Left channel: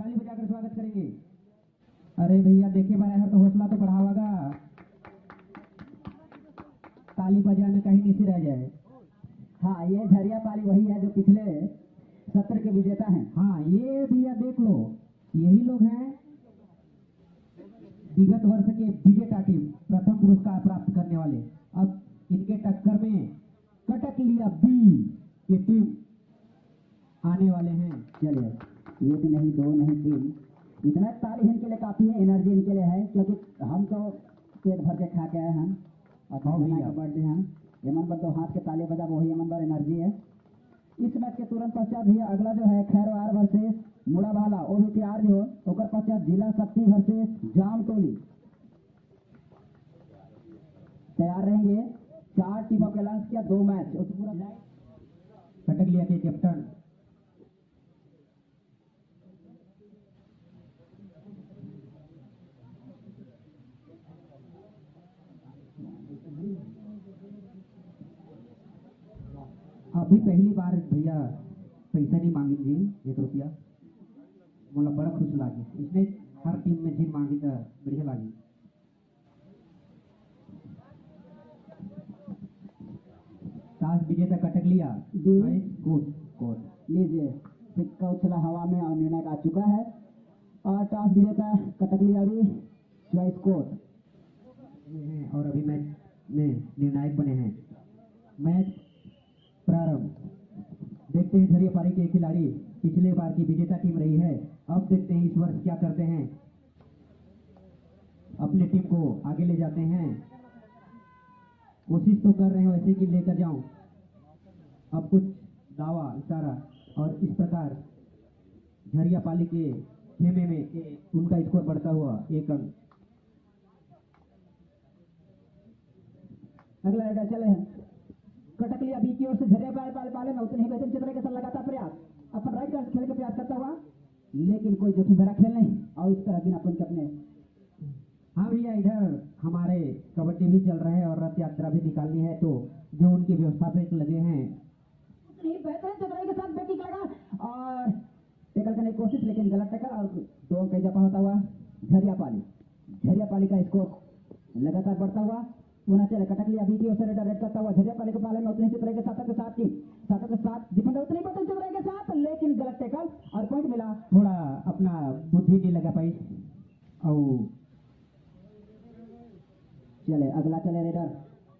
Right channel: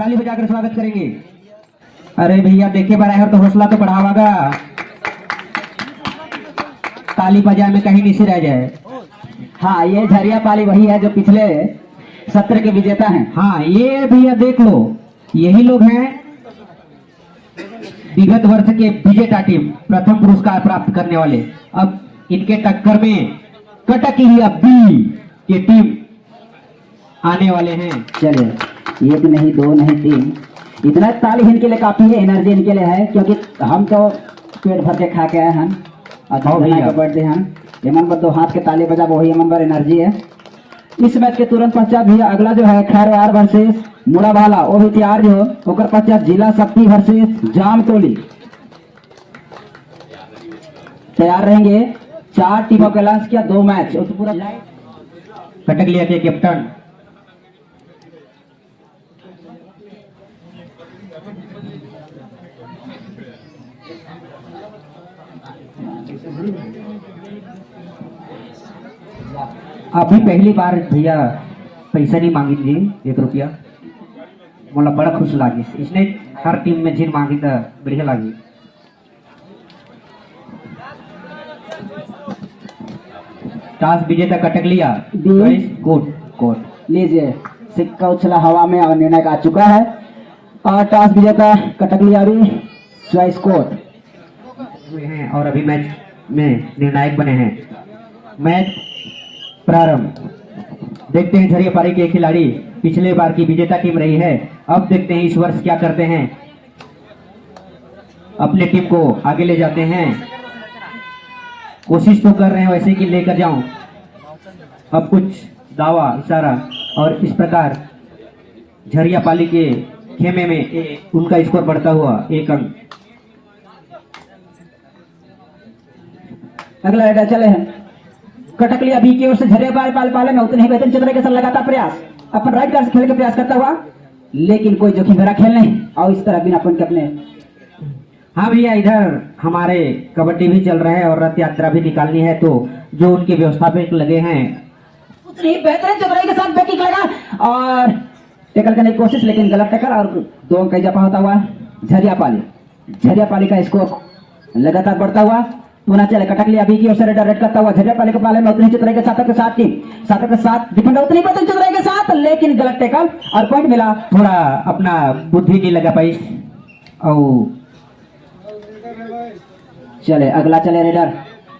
ताली बजाकर स्वागत करेंगे। अरे भैया देखे बराबर तो हौसला तो बढ़ावागा, ताली बजाए में कहीं नीचे रह जाए। हाँ, ये झरिया पाली वही है जो पिछले सत्र के विजेता हैं। हाँ ये भैया देख लो, यही लोग हैं विगत वर्ष के विजेता टीम, प्रथम पुरस्कार प्राप्त करने वाले। अब इनके टक्कर में कटकलिया बी की टीम आने वाले हैं। चलिए, एक नहीं दो नहीं तीन, इतना ताली इनके लिए काफी है, एनर्जी इनके लिए है, क्योंकि हम तो पेट भर के खा के आए हैं और का बर्थडे हैं। एमन पर दो हाथ के ताली बजा, वही एमन पर एनर्जी है। इस मैच के तुरंत पश्चात भी अगला जो है खैरवार वर्सेस मुड़ावाला, वो भी तैयार जो होकर पश्चात जिला शक्ति वर्सेस जामतोली तैयार रहेंगे। 4 टीमों का लॉन्च किया, 2 मैच तो पूरा। कटकलिया के कैप्टन अभी पहली बार भैया पैसा नहीं मांगी जी, 1 रुपया मोला बड़ा खुश लागी। इसने हर टीम में जिन मांगी तो बढ़िया लागी। टॉस विजेता कटकलिया कोट कोट लीजिए, सिक्का उछला हवा में और निर्णय आ चुका है और टॉस विजेता कटकलिया भी चॉइस कोट हैं और अभी मैच में निर्णायक बने हैं। मैच प्रारंभ। देखते हैं झरिया पारी के खिलाड़ी पिछले बार की विजेता टीम रही है, अब देखते हैं इस वर्ष क्या करते हैं, अपने टीम को आगे ले जाते हैं। कोशिश तो कर रहे हैं वैसे कि लेकर जाऊं, अब कुछ दावा इशारा और इस प्रकार झरिया पाली के खेमे में उनका स्कोर बढ़ता हुआ 1 अंक। अगला रेडर चले हैं कटकलिया बी की ओर से झरिया पाले में उतने ही बेहतरीन चतुराई के साथ लगातार प्रयास, अपन राइट कार्ड से खेलने का प्रयास करता हुआ, लेकिन कोई जोखिम भरा खेल नहीं और इस तरह बिना पॉइंट के अपने। हाँ भैया, इधर हमारे कबड्डी भी चल रहा है और रथ यात्रा भी निकालनी है, तो जो उनके व्यवस्थापक लगे हैं उतनी बेहतरीन चतुराई के साथ बैकिंग लगा और टैकल करने की कोशिश, लेकिन गलत टैकल और 2 अंक का इजाफा होता हुआ झरिया पाली का स्कोर लगातार बढ़ता हुआ पुनः चले। कटकलिया बी की ओर से रेड करता हुआ झरिया पाली के पाले में उतनी चतुराई के साथ के साथ डिफेंडर उतनी बेहतरीन चतुराई के साथ, लेकिन गलत टैकल और पॉइंट मिला। थोड़ा अपना बुद्धि नहीं लगा पाई। और चले अगला चले रेडर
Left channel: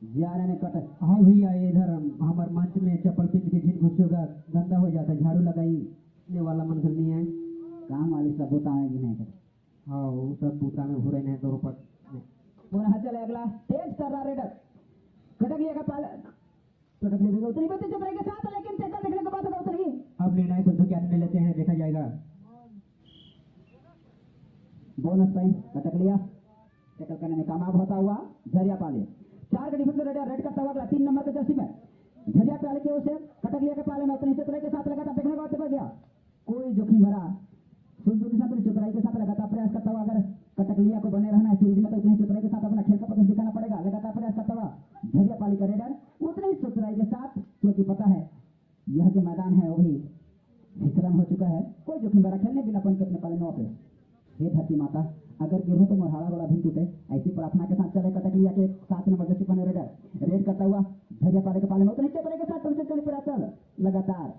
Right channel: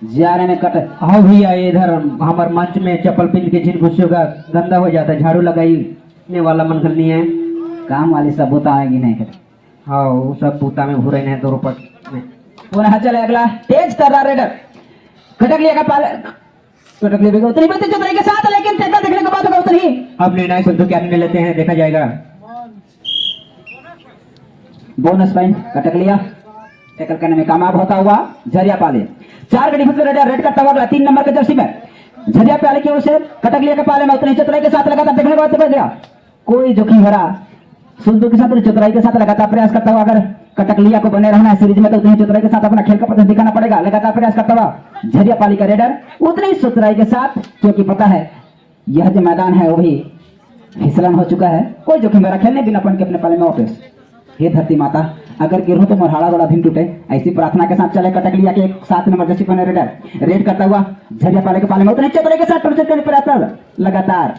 जा रहे हैं कट। हाँ भैया, इधर हमारे मंच में चप्पल पिन के जिन घुस्सों का गंदा हो जाता है, झाड़ू लगाने वाला मन करनी है, काम वाली सब बूता आएगी नहीं कर। हाँ वो सब बूता में भूरे हैं 2 रुपये में। पुनः चले अगला तेज तर्रा रेडर कटकलिया का पाले, कटकलिया भी उतनी बेहतरीन चतुराई के साथ, लेकिन टैकल देखने के बाद होगा उतनी। अब निर्णायक संधु क्या निर्णय लेते हैं देखा जाएगा। बोनस पॉइंट कटकलिया टैकल करने में कामयाब होता हुआ झरिया पाले। 4 का डिफेंस रेड करता हुआ 3 नंबर के जर्सी में झरिया पाले की ओर से कटकलिया के पाले में उतनी चतुराई के साथ लगातार देखने के बाद गया, कोई जोखिम भरा सुंदर के साथ चतुराई के साथ लगातार प्रयास करता हुआ। अगर कटकलिया को बने रहना है सीरीज में तो उतनी चतुराई के साथ अपना खेल का प्रदर्शन दिखाना पड़ेगा। लगातार प्रयास करता हुआ झरिया पाली का रेडर उतनी चतुराई के साथ, क्योंकि पता है यह जो मैदान है वो भी फिसलन हो चुका है, कोई जोखिम भरा खेलने बिना पॉइंट के अपने पाले में वापस। हे धरती माता, अगर गिरो तो मोरहाड़ा गोड़ा भी टूटे, ऐसी प्रार्थना के साथ चले कटकलिया के 7 नंबर जर्सी पहने रेडर रेड करता हुआ झरिया पाले के पाले में उतनी चतुराई के साथ प्रयास लगातार।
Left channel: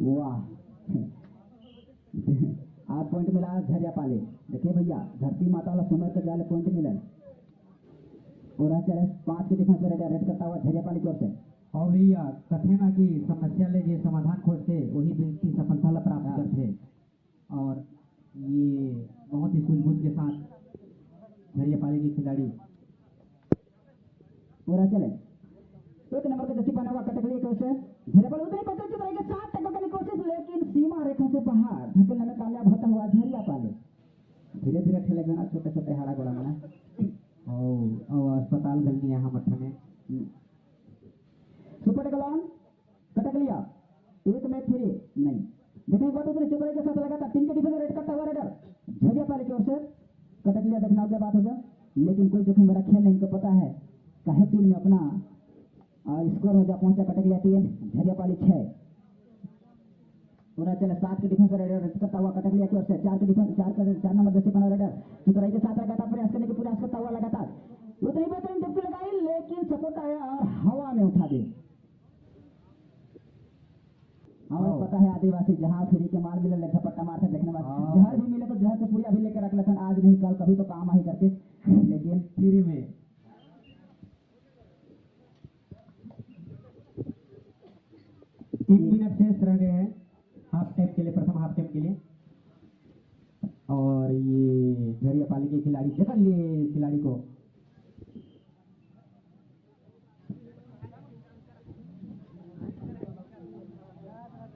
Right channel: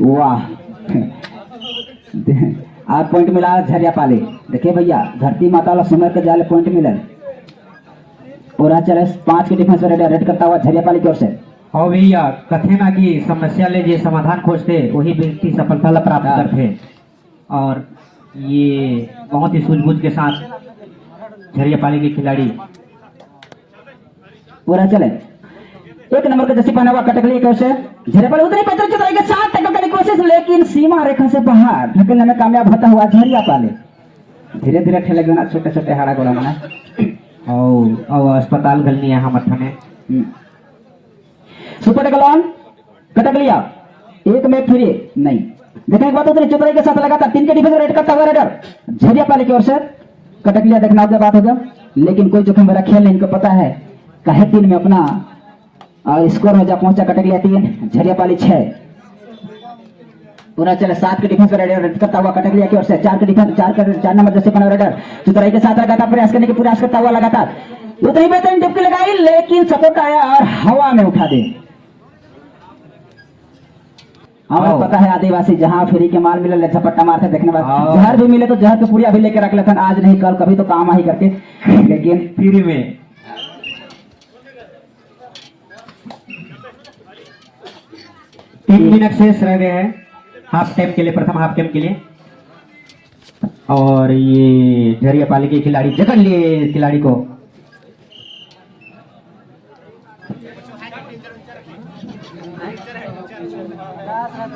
वाह, 8 पॉइंट मिला झरिया पाले। देखिए भैया, धरती माता वाला सुमर के जाले पॉइंट मिले और चले 5 के डिफेंस रेड करता हुआ झरिया पाली की ओर से। और भैया कथे ना कि समस्या ले जो समाधान खोजते वही व्यक्ति सफलता प्राप्त करते, और ये बहुत ही सूझबूझ के साथ झरिया पाली के खिलाड़ी पूरा चले। 1 नंबर का जर्सी पहना हुआ कटकलिया की ओर से झरिया पाली उतनी बेहतरीन चतुराई के साथ टैकल करने की कोशिश, लेकिन सीमा रेखा से बाहर ढकेलने में कामयाब होता हुआ झरिया पाली। धीरे धीरे ठेले ना छोटे छोटे हाड़ा गोड़ा बना और अस्पताल गलनी है हम अठने। सुपर टैकल ऑन कटकलिया, 1 में फ्री नहीं। देखने के बाद उतनी चतुराई के साथ लगातार 3 के डिफेंस रेड करता हुआ रेडर झरिया पाली की ओर से। कटकलिया देखना के बात हो गया, लेकिन कोई जोखिम भरा खेल नहीं, इनको पता है कहे 3 में अपना और स्कोर में जा पहुंचा कटकलिया 3 झरिया पाली 6। पुनः चले 7 के डिफेंस रेडर रेड करता हुआ कटकलिया की ओर से 4 के डिफेंस 4 नंबर जैसे बना रेडर चतुराई के साथ लगातार प्रयास करने की प्रयास करता हुआ लगातार उतनी बेहतरीन डुबकी लगाई लेकिन सपोर्ट आया और हवा में उठा दे। हमें पता है आदिवासी जहां फ्री के माल मिले झपट्टा मारते देखने बाद जहर भी मिले तो जहर तो पूरी अभी लेके रख लेते आज नहीं कल कभी तो काम ही करके लेकिन फ्री में 3 मिनट शेष रह गए हैं हाफ टाइम के लिए, प्रथम हाफ टाइम के लिए। और ये झरियापाली के खिलाड़ी जकड़ लिए खिलाड़ी को।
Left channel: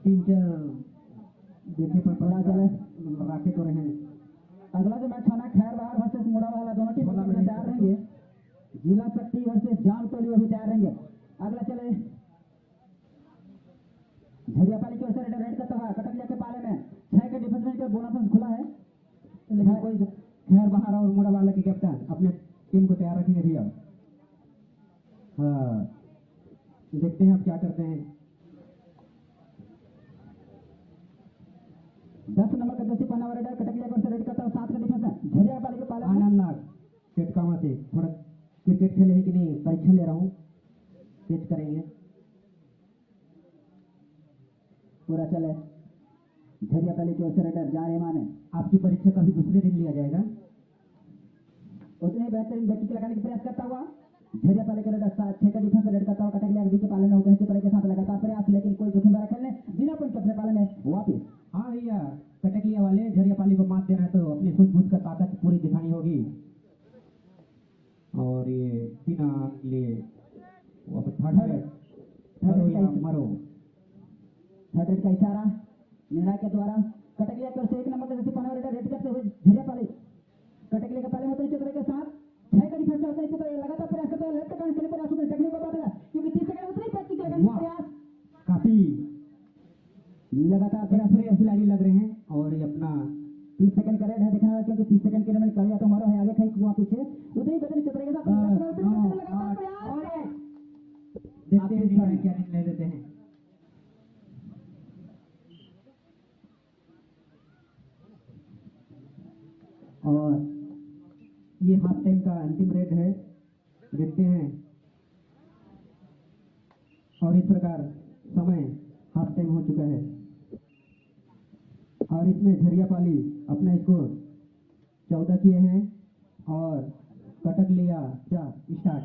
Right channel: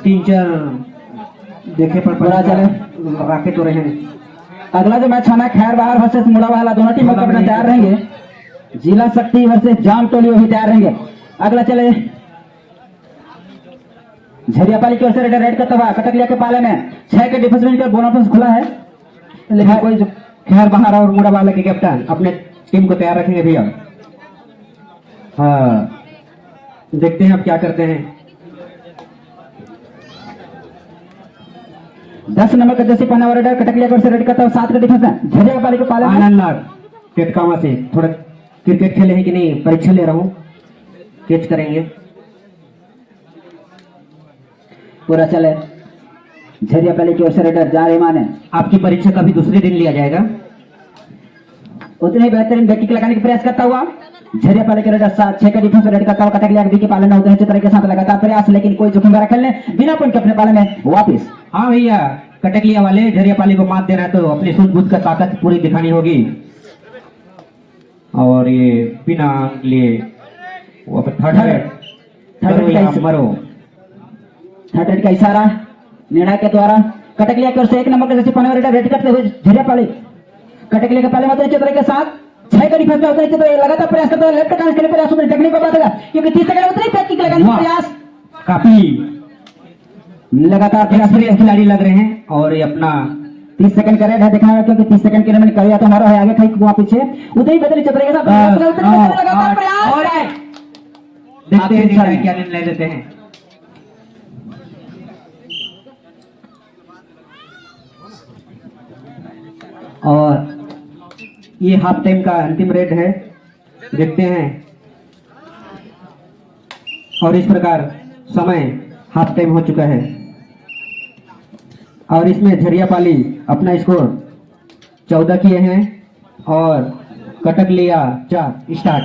तीन चार देखे पर पूरा चले राके तो रहे। अगला जो मैच होना है खैर बाहर वर्सेस मुड़ा वाला दोनों टीम अपना तैयार रहेंगे। जिला शक्ति वर्सेस जाम टोली भी तैयार रहेंगे। अगला चले झरियापाली की ओर से रेड करता हुआ कटकलिया के पाले में 6 के डिफेंस में बोनस खुला है लेकिन कोई खैर बाहर और मुड़ा वाला के कैप्टन अपने टीम को तैयार रखेंगे भैया। हाँ देखते हैं अब क्या करते हैं। 10 नंबर का जैसे पहना रेडर कटकलिया की ओर से रेड करता हुआ 7 के डिफेंस में झरियापाली के पाले में आनंद लाल टेटकामा से थोड़ा क्रिकेट खेले हैं कि नहीं, परीक्षा ले रहा हूँ, कैच करेंगे। पूरा चले झरियापाली की ओर से रेडर जा रहे माने आपकी परीक्षा का भी दूसरे दिन लिया जाएगा। उतने ही बेहतरीन बैकिंग लगाने का प्रयास करता हुआ झरियापाली के रेडर 6 का डिफेंस रेड करता हुआ कटकलिया के पालन में उतने चित्र के साथ लगातार प्रयास लेकिन कोई जोखिम भरा खेलने बिना पॉइंट के अपने पाले में वापिस। हाँ भैया कटकलिया वाले झरियापाली को मात देना है तो अपनी सूझबूझ कर ताकत पूरी दिखानी होगी। और ये बिना लिए थर्ड रेड का इशारा निर्णय के द्वारा कटकलिया की ओर से 1 नंबर के जैसे पहने रेडर रेड करते हुए झरियापाली कटकलिया के पाले में उतने चित्र के साथ 6 का डिफेंस में उतने चित्र लगातार प्रयास करते हुए लेफ्ट कांच के लिए प्रयास उतने टेक्निक पर बात होगा क्योंकि 30 सेकंड उतनी बैकिंग लगाने का प्रयास काफी लगातार प्रयास खिलाड़ी लग रहे हैं। और ये अपना 30 सेकंड का रेड है देखना क्योंकि 30 सेकंड के लिए मैंने करिया तो हमारा है आगे कहीं वहां पीछे उतनी बेहतरीन चित्र के साथ लगातार प्रयास देखते हैं क्या निर्णय लेते हैं। और ये हाफ टाइम का अंतिम रेड है, देखते हैं। और इस प्रकार समय हाफ टाइम हो चुका है और इसमें झरियापाली अपना स्कोर 14 किए हैं और कटकलिया 4 स्टार्ट।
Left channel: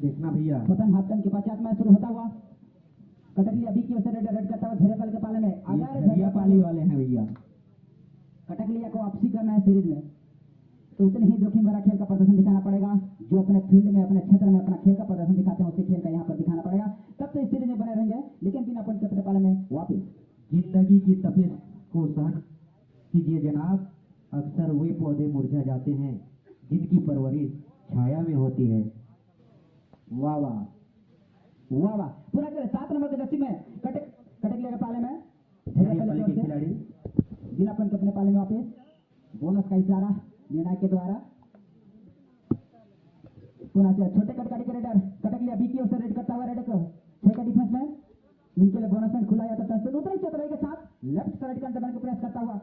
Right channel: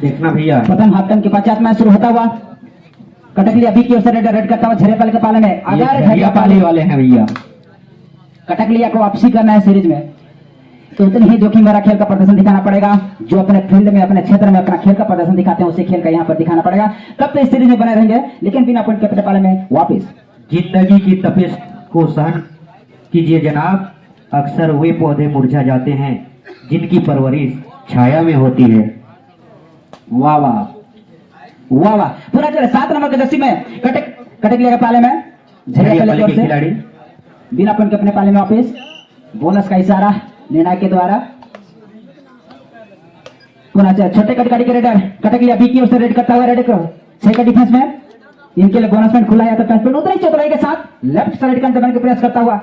देखना भैया प्रथम हाफ टाइम के पश्चात मैच शुरू होता हुआ कटकलिया बी की ओर से रेड करता हुआ झरियापाली के पाले में अगर झरियापाली वाले हैं भैया कटकलिया को वापसी करना है सीरीज में तो उतनी ही जोखिम भरा खेल का प्रदर्शन दिखाना पड़ेगा। जो अपने फील्ड में अपने क्षेत्र में अपना खेल का प्रदर्शन दिखाते हैं उसी खेल का यहाँ पर दिखाना पड़ेगा तब तो इस सीरीज में बने रहेंगे लेकिन बिना पॉइंट के अपने पाले में वापिस। जिंदगी की तपिश को सहन कीजिए जनाब, अक्सर वे पौधे मुरझा जाते हैं जिनकी परवरिश छाया में होती है। वाह वाह वाह वाह। पूरा चले 7 नंबर के जर्सी में कटकलिया के पाले में झरियापाली के खिलाड़ी बिना पॉइंट के अपने पाले में वापिस। बोनस का इशारा निर्णय के द्वारा पुनः छोटे कटकाड़ी के रेडर कटकलिया बी की ओर से रेड करता हुआ रेड करो 6 का डिफेंस में इनके लिए बोनस पॉइंट खुला जाता है उतनी चतुराई के साथ लेफ्ट साइड का अंदर का प्रयास करता हुआ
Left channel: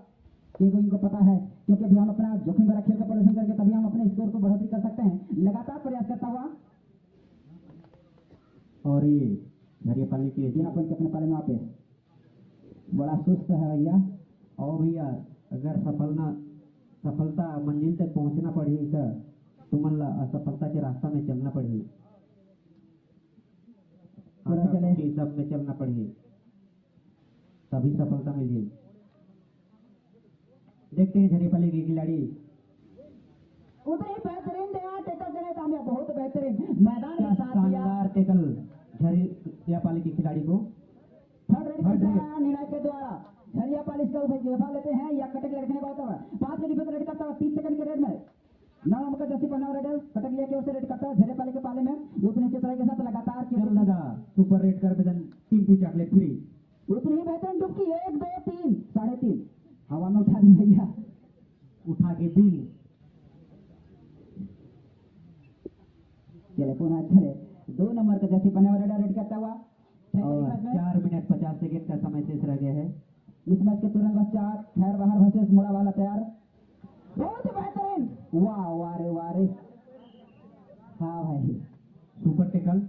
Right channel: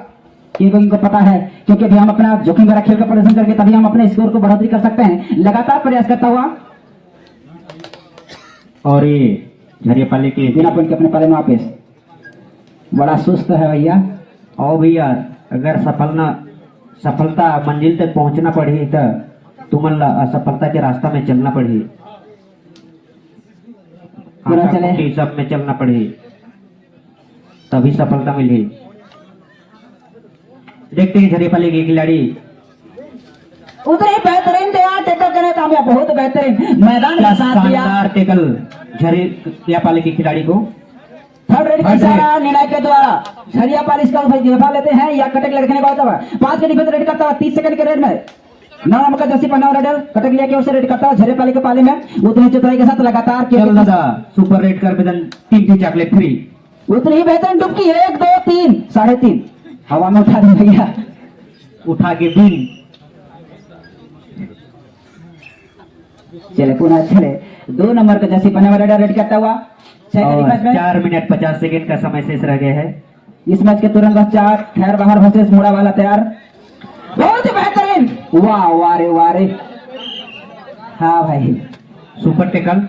इनको पता है क्योंकि अभी हम अपना जोखिम भरा खेल का प्रदर्शन करके तभी हम अपने स्कोर को बढ़ोतरी कर सकते हैं। लगातार प्रयास करता हुआ और ये झरियापाली के बिना पॉइंट के अपने पाले में वापिस। बड़ा सुस्त है भैया। और भैया अगर सफलता मंजिल तक पहुंचना पड़ी तो तुमला असफलता के रास्ता में चलना पड़ी, चले सब में चलना पड़ी तभी सफलता मिली। देखते हैं झरियापाली के खिलाड़ी उतने बेहतरीन टेकल करने कामयाब बहुत बेहतरीन मैदान का साथ दिया टेकल झरियापाली के खिलाड़ी को। थर्ड रेड का इशारा निर्णय के द्वारा झरियापाली इसका दफा लेते हैं या कटकलिया रखने का होता है 5 के डिफेंस रेड करता हुआ 30 सेकंड के रेड में 9 नंबर का जर्सी पहना रेडर कटकलिया की ओर से रेड करता हुआ झरियापाली के पाले में उतनी चतुराई के साथ लगातार सुपर रेड कर बेदन 3 चॉकलेट फ्री। उतनी ही बेहतरीन डुबकी 1 2 3 3.5 हवा में उठा दी भैया उठा के बिन चले पुनः चले 2 नंबर का जर्सी पहने वाला रेड करता हुआ 6 और मैच में 4 मिनट 50 सेकंड का समय शेष रह गया है। इस मैच के तुरंत पश्चात खैर बाहर वर्सेस मुड़ा वाला तैयार। बहुत ही बेहतरीन, वाह वाह रे वाह रे, हाँ भाई सुपर टेकल।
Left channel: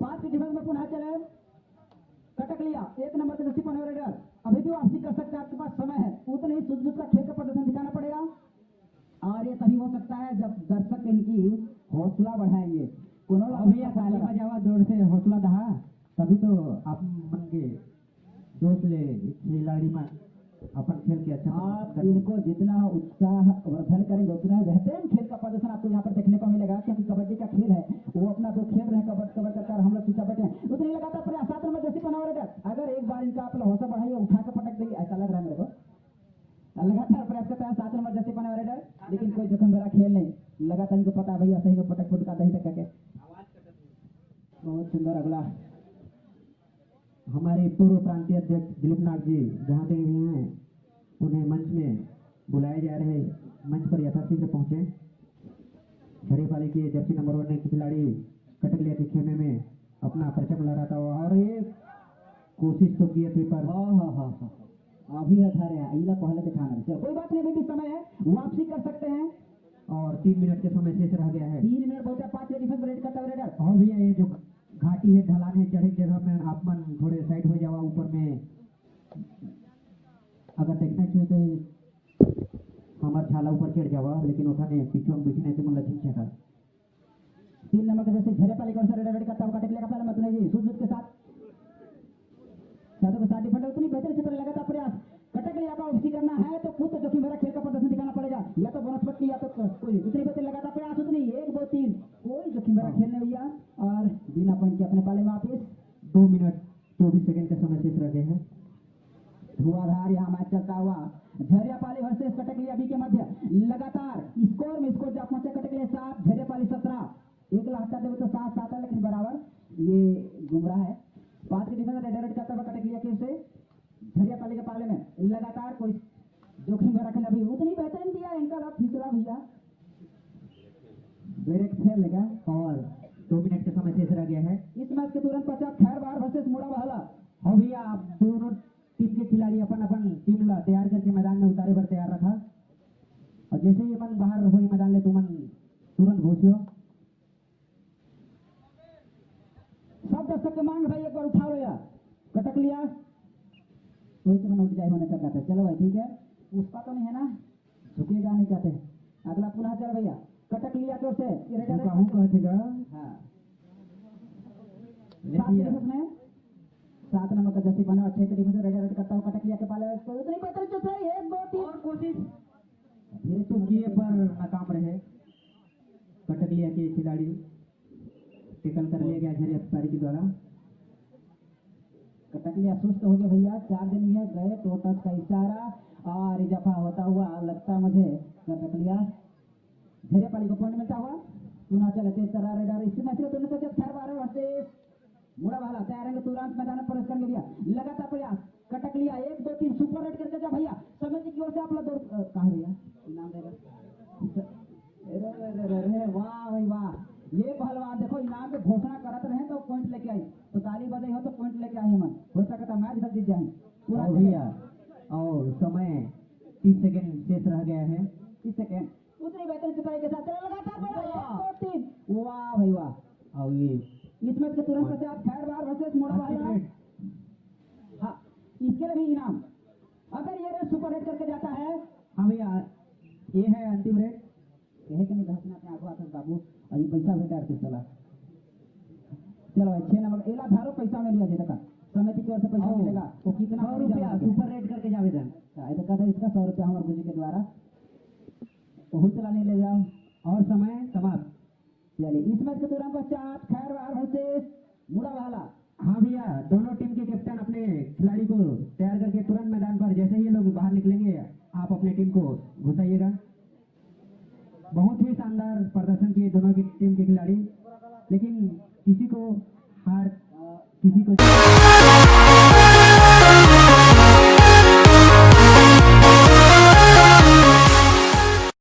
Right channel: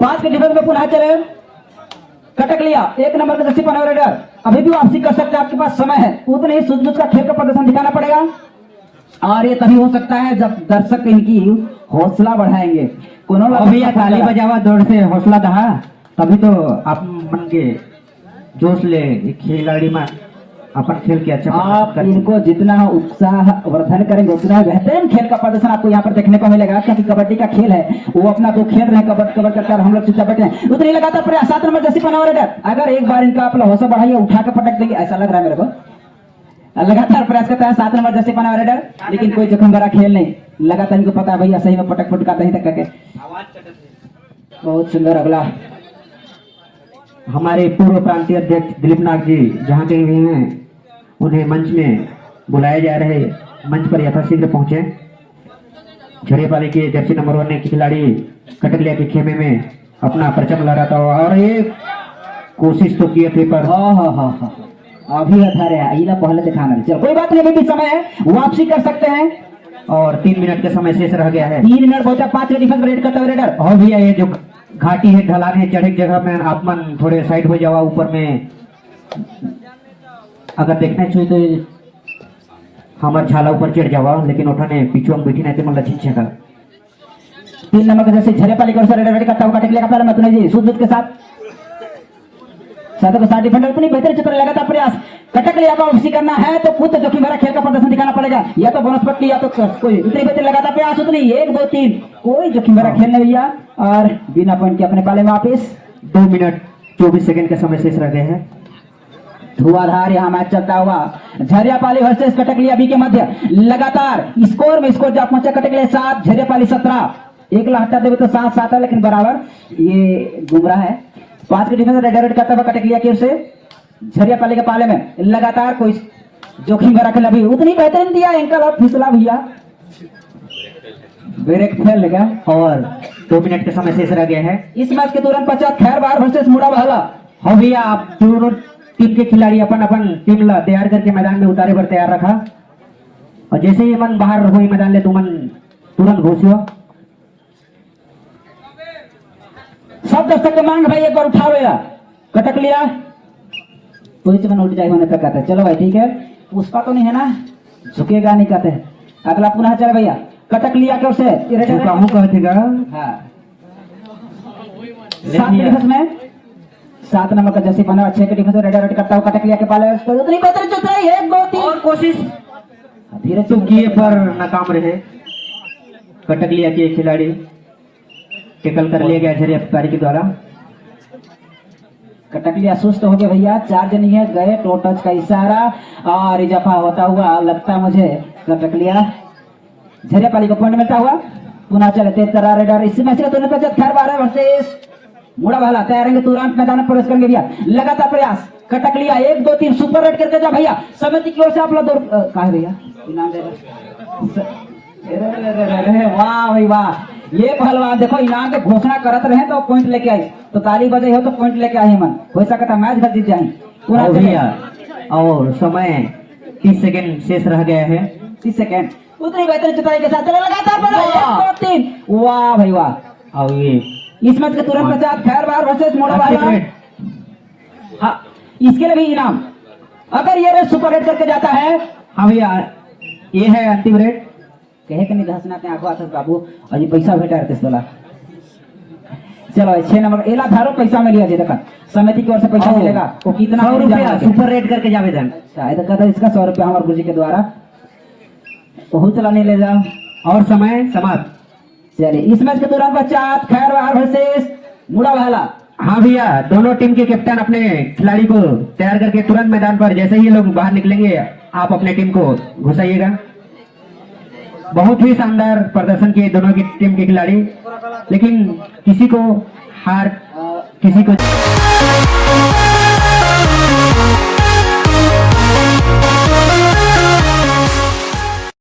5 के डिफेंस में पुनः चले, कटक लिया 1 नंबर का जर्सी पहने रेडर। अभी भी वापसी कर सकते हैं, आपके पास समय है, उतने ही सूझबूझ का खेल का प्रदर्शन दिखाना पड़ेगा और ये तभी हो सकता है जब दर्शक इनकी हौसला बढ़ाएंगे। अभी ताली बजावा दौड़ से हौसला दहा, तभी तो आप मन के जोश ले खिलाड़ी में अपन खेल के अच्छा आप इनको जितना उत्साह वर्धन करेंगे उतना बेहतरीन खेल का प्रदर्शन आपको यहाँ पर देखने को मिलेगा, क्योंकि कबड्डी का खेल है, वो अपना तो खेल रहे हैं कबड्डी कबड्डी करकर, हम लोग चुपचाप बैठे हैं। उतनी लगातार प्रयास 7 नंबर जैसी पहना रेडर, अगर एक बार इनका अपना हौसला बढ़ाइए उठा के पटक देंगे, ऐसा लग रहा है मेरे को। लगातार प्रयास करता है 7 नंबर जैसे पहना रेडर, लेकिन कोई जोखिम भरा खेल नहीं, लगातार इनको पता है भैया सही में पटक फुटकाते ही तक करके। बहुत सुंदर अगला हमारे पूर्व प्रांतीय अध्यक्ष दिलीप नाग जी जहाँ कहीं भी हैं, उन्हें मंच में बुलाया जा रहे, मंच पर यथाशीघ्र पहुंचे। झड़ियापाली के जर्सी नंबर 1 के खिलाड़ी कटकलिया के खेमे में अपना परचम लहरा था और ये कोशिश तो किए थे पर अभी अठारे आइला पहले दिखाना नहीं, चलो कोई बात नहीं, अभी भी समय है, वापसी कर सकते हैं। और 3 मिनट का समय शेष रह गया है। 3 मिनट पहुंचा, 5 के डिफेंस रेड करता हुआ रेडर। और भैया ये जो घाटी है, ढलान है, चढ़े जगह में आप मन थोड़े साइड हो जावा, ऊपर में अगर देखना चाहिए तो हमार झाला ऊपर चढ़ जावा, लेकिन उठाने पीछू हम बैठी नहीं थे, मतलब छींचे का 3 नंबर का जैसे झड़ियापाली का रेड करता हुआ कटकलिया का पहला मतुने जी सूझबूझ के साथ साथ डिफेंडर उतनी बेहतर चित्र लगातार प्रयास। कटकलिया का वापसी करना है तो खुद जोखिम भरा खेल का प्रदर्शन दिखाना पड़ेगा, या तो बोनस पट्टी या तो कोई उतनी बेहतर लगातार प्रयास, उतनी 1 2 3 कोई जोखिम भरा खेल नहीं भैया, और बिना पॉइंट के अपने पाले में वापिस। 2 मिनट 24 सेकंड का समय शेष रह गए हैं। धुआंधार यहाँ मैच चलता हुआ, झरियापाली वर्सेस कटकलिया बी के मध्य लगातार स्कोर में स्कोर जब पहुंचा कटकलिया 7 झरियापाली 17, 1 ला हटा देवे तो 7-7 है, लेकिन बराबर ये गुमराह है। 5 के डिफेंस रेड करता हुआ कटकलिया की ओर से झरियापाली के पाले में लगातार कोई जोखिम भरा खेल, अभी उतनी बेहतरीन दिया, एंकल और फिसला भैया ब्रेक फेल लगा और 2 मिनट का समय शेष रह गया है। इस मैच के तुरंत पश्चात खैरबार वर्सेस मुड़ा बहला। हाँ भैया, आप दोनों टीम के खिलाड़ी अपन टीम ला तैयार करके मैदान में उतारे पर तैयार रखा, और जैसे ही मन बाहर हुई मैदान ले तो मन तुरंत घुसियो। सब दर्शक के मांग भाई एक बार उठाओ यार, कटकलिया पोजीशन उठ जाए होने तक कहते हैं। चलो भाई ठीक है, पुष्पा तो नहीं है ना, झुकेगा नहीं कहते। अगला पुनः चले भैया, कटकलिया की ओर से कहूँ कहतेगा। हाँ 7 के डिफेंस में 7 नंबर का जर्सी पहना 6 के डिफेंस रेड करता हुआ कटकलिया के पाले, उतनी बेहतर चल रही है, 1 2 3 और कोशिश धीरे तो किए पर नाकाम रहे। कटकलिया के खिलाड़ी टेकल कर लिया गया झरियापाली के द्वारा। कटकलिया सुस्त हो गए भैया, 4 जन ही है गए, टो टच का इशारा और इजाफा होता हुआ लगता मुझे कटकलिया झरियापाली को पॉइंट मिलता हुआ। पुनः चले तेज तरा रेडर, इसी मैच का तुरंत पश्चात खैरबार वर्सेस मुड़ा भाला तैयार रहेंगे, तुरंत मैदान में प्रवेश करेंगे भैया। लगातार प्रयास कटकलिया 1 2 3 सुपर रेड करके जा भैया, समिति की ओर से आप लोग कहा भैया इनाम दे रहे। वाह भाई वाह, ये पहलवान देखो इनाम के घोषणा करत रहे तो पॉइंट लेके आई, तो ताली बजे हो तो पॉइंट लेके आई मन, हो सकता मैच घर जीत जाए भैया। और समय 30 सेकंड शेष रह गया है। 30 सेकंड उतनी बेहतर जुताई के साथ चले लगातार 3। वाह भाई वाह, और ये इस मैच के तुरंत पश्चात खैरबार वर्सेस मोड़ा वाला। हाँ इसके लिए भी इनाम, अगर ये रेड सुपर रेड करके जाता है। हाँ भैया, ये है अंतिम रेड। कहे कि नहीं धसना के आगो आते बाबू, और ये पैसा भेटा रहते सोला। चलो 6 नंबर एला धारो पैसा में लिया देखा, समिति की ओर से पैसा मिलेगा, वो कितना 100 रुपया सुपर रेड करके जावेदन, शायद कहता इसका 100 रुपया हमारे गुरुजी के द्वारा बहुत चला नहीं ले जाओ। और समय समाप्त। चलिए इस मैच के तुरंत पश्चात खैरबार वर्सेस मुड़ा भाला। हाँ भैया, दोनों टीम के कैप्टन अपने खिलाड़ी को तैयार करके तुरंत मैदान पर, जैसे ही ये लोग बाहर निकलेंगे आप अपने टीम को घुसाइएगा। बहुत ही शानदार प्रदर्शन किए दोनों की टीम के खिलाड़ी, लेकिन किसी को हार किसी को